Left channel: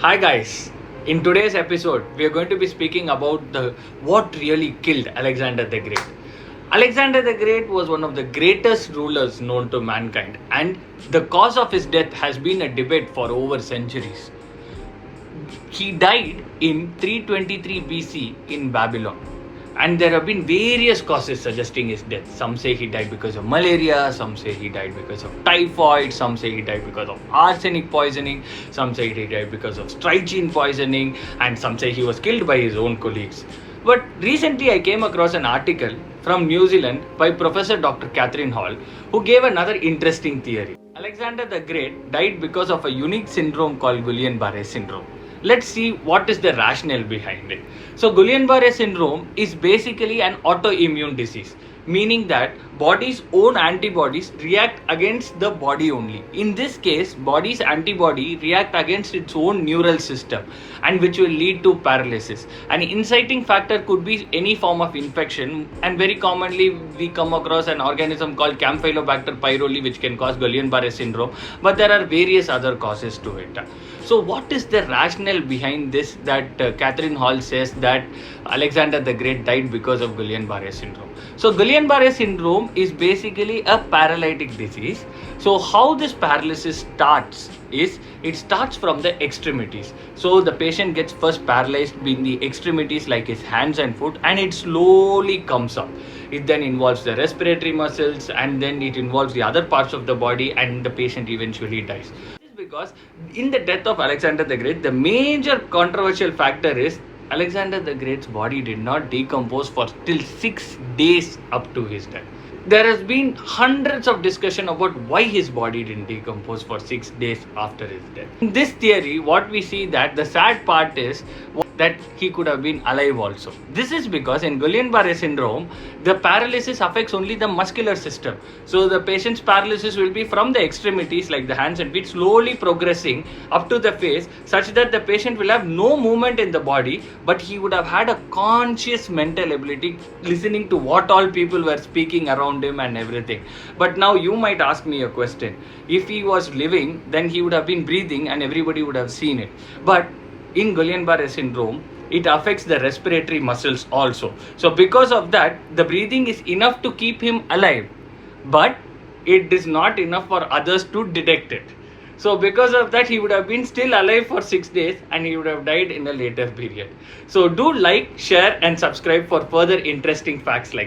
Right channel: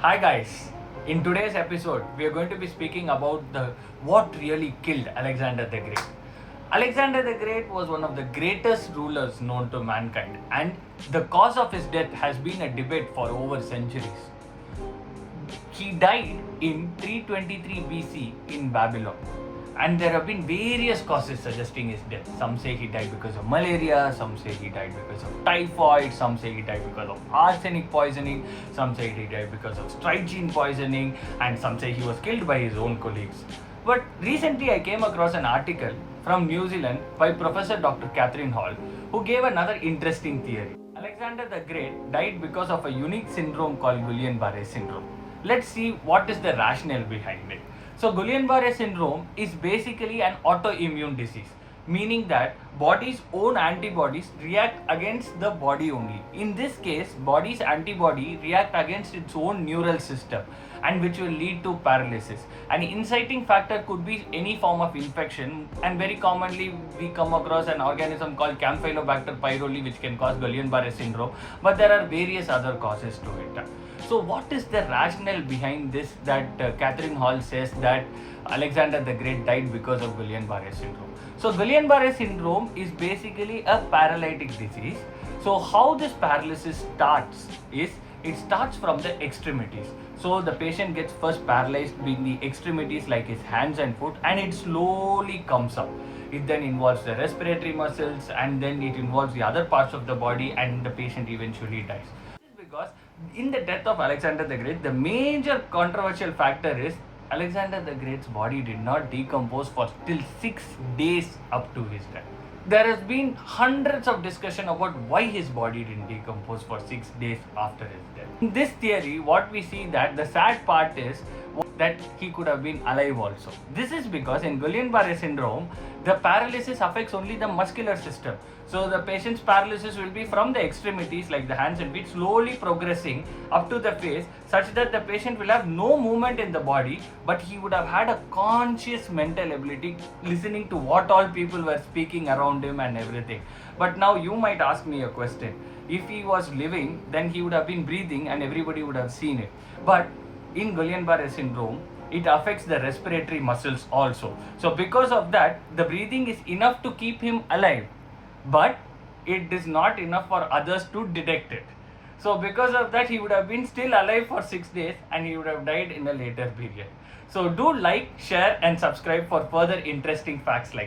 Hi guys, in today's episode we are going to be speaking about the what really killed Alexander the Great. Alexander the Great was one of the greatest rulers known to mankind, and the cause of his death has been a debate for over centuries. He died in 323 BC in Babylon. And there have been various causes suggesting his death. Some say he died because of malaria, some say he died because of typhoid, some say he died because of arsenic poisoning, some say he died because of strychnine poisoning, and some say he was killed by his own colleagues. But recently I came across an article from New Zealand by Professor Dr. Catherine Hall, who gave another interesting theory. Alexander the Great died because of a unique syndrome called Guillain-Barré syndrome. Let's see what is the rationale behind it. So Guillain-Barré syndrome is basically an autoimmune disease, meaning that body's own antibodies react against the body only. In this case, body's antibody react against its own neural system, and which will lead to paralysis. An inciting factor could be any form of infection, and very commonly we come across an organism called Campylobacter pyroli which can cause Guillain-Barré syndrome, but there are various other causes to it. So what is the rationale behind this that Catherine Hall says that Alexander the Great died because of Guillain-Barré syndrome? So Guillain-Barré syndrome is basically a paralytic disease. So how this paralysis starts is it starts from the extremities. So the patient gets first paralyzed in the extremities like his hands and foot, and it slowly comes up. It then involves the respiratory muscles, and then it involves the other parts of the body, and the patient eventually dies. Because in the death of Alexander the Great, the major controversial factor is Alexander the Great's body did not decompose for till 6 days up to his death. There has been hundreds of discussion about why his body didn't decompose for 6 days after his death. In this theory, what we see that the sad part is that he could have been alive also. This is because in Guillain-Barré syndrome, the paralysis affects only the muscular system. So the patient's paralysis will be from the extremities like the hands and feet, slowly progressing up to the face, such that the patient will have no movement in the body, but he would have had a conscious mental ability, listening to what all people were speaking around him and everything. But now you might ask me a question. If he was living, then he would have been breathing and everybody would have seen it. But in Guillain-Barré syndrome, it affects the respiratory muscles also. So because of that, the breathing is enough to keep him alive, but it is not enough for others to detect it. So because of that, he would have been still alive for 6 days and he would have died in a later period. So do like, share and subscribe for further interesting facts like this.